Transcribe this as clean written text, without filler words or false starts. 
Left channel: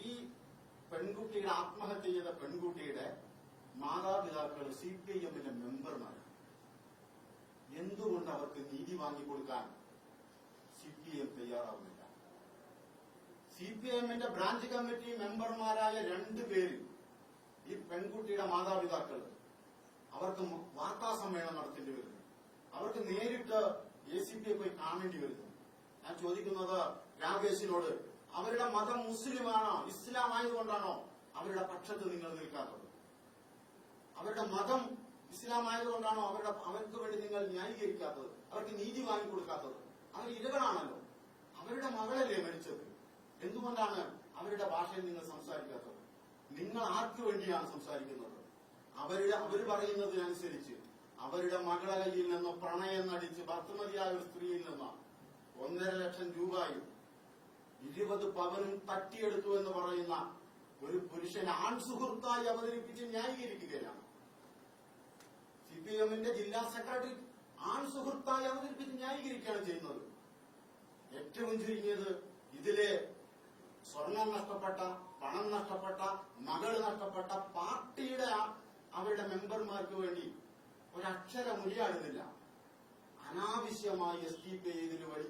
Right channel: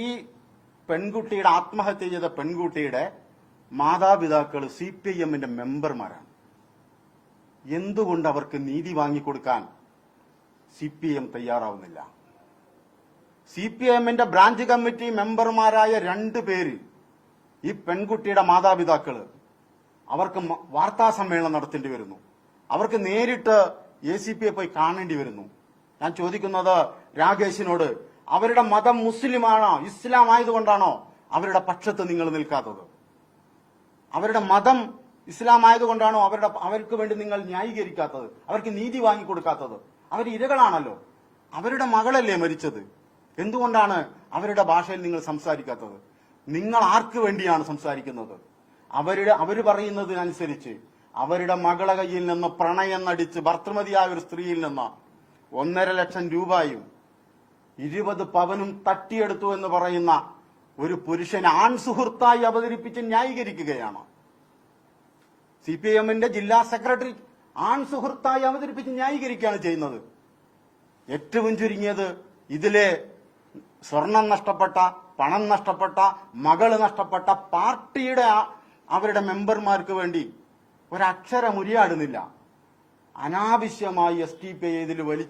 ഈ പെൺകുട്ടിയുടെ ആത്മഹത്യ ചെയ്ത പെൺകുട്ടിയുടെ മാതാപിതാക്കൾ CPIMന്റെ മെമ്പർമാരാണ്. എന്തുകൊണ്ട് അവർക്ക് നീതി വാങ്ങിക്കൊടുക്കാൻ CPIM തയ്യാറാവുന്നില്ല? CPIMന്റെ ബ്രാഞ്ച് കമ്മിറ്റി മെമ്പർമാരായ 2 പേര്, ഈ പെൺകുട്ടിയുടെ മാതാപിതാക്കള്, അവർക്ക് വാർത്താ സമ്മേളനം നടത്തേണ്ടി വരുന്നു. അവർക്ക് നേരിട്ട് ACPയെ പോയി കാണേണ്ടി വരുന്നു. ഞാൻ ചോദിക്കുന്നത് രാകേഷിനോട്, അവരുടെ മതം മുസ്ലിമാണോ, ഇസ്ലാം ആയതുകൊണ്ടാണോ അവരുടെ പക്ഷത്ത് നിങ്ങൾ നിൽക്കാത്തത്? അവരുടെ മതം ഇസ്ലാം ആയതുകൊണ്ടാണോ അവർക്ക് വേണ്ടി നിങ്ങൾ ന്യായീകരിക്കാത്തത്, അവർക്ക് നീതി വാങ്ങിക്കൊടുക്കാത്തത്? അവർ ഇരകളാണല്ലോ. അവരുടെ മകളല്ലേ മരിച്ചത്. എന്തുകൊണ്ടാണ് അവരുടെ ഭാഷയിൽ നിങ്ങൾ സംസാരിക്കാത്തത്? നിങ്ങൾ ആർക്ക് വേണ്ടിയാണ് സംസാരിക്കുന്നത്? അവര് പറയുന്നതിനനുസരിച്ച് അവരുടെ മകളെ കയ്യിൽ നിന്ന് പ്രണയം നടിച്ച് ഭർത്തൃമതിയായ ഒരു സ്ത്രീയിൽ നിന്ന് 1.5 ലക്ഷം രൂപയും 20 പവനും തട്ടിയെടുത്തു എന്ന് പറയുന്ന ഒരു പുരുഷനെ ആൺ സുഹൃത്തായി അവതരിപ്പിച്ച് ന്യായീകരിക്കുകയാണ്. CPIMന്റെ ജില്ലാ സെക്രട്ടറി ആൺ സുഹൃത്തായി അവതരിപ്പിച്ച് ന്യായീകരിക്കുകയാണ് ചെയ്യുന്നത്. ഏറ്റവും ചുരുങ്ങിയത് ഇതിലെ സ്വർണം നഷ്ടപ്പെട്ട, പണം നഷ്ടപ്പെട്ട, മകള് നഷ്ടപ്പെട്ട പാർട്ടിയുടെ അവരുടെ മെമ്പർമാർക്ക് വേണ്ടി ഒരക്ഷരം ഉരിയാടുന്നില്ല. അനാവശ്യമായി SDPI ഇതിൽ വലിച്ചു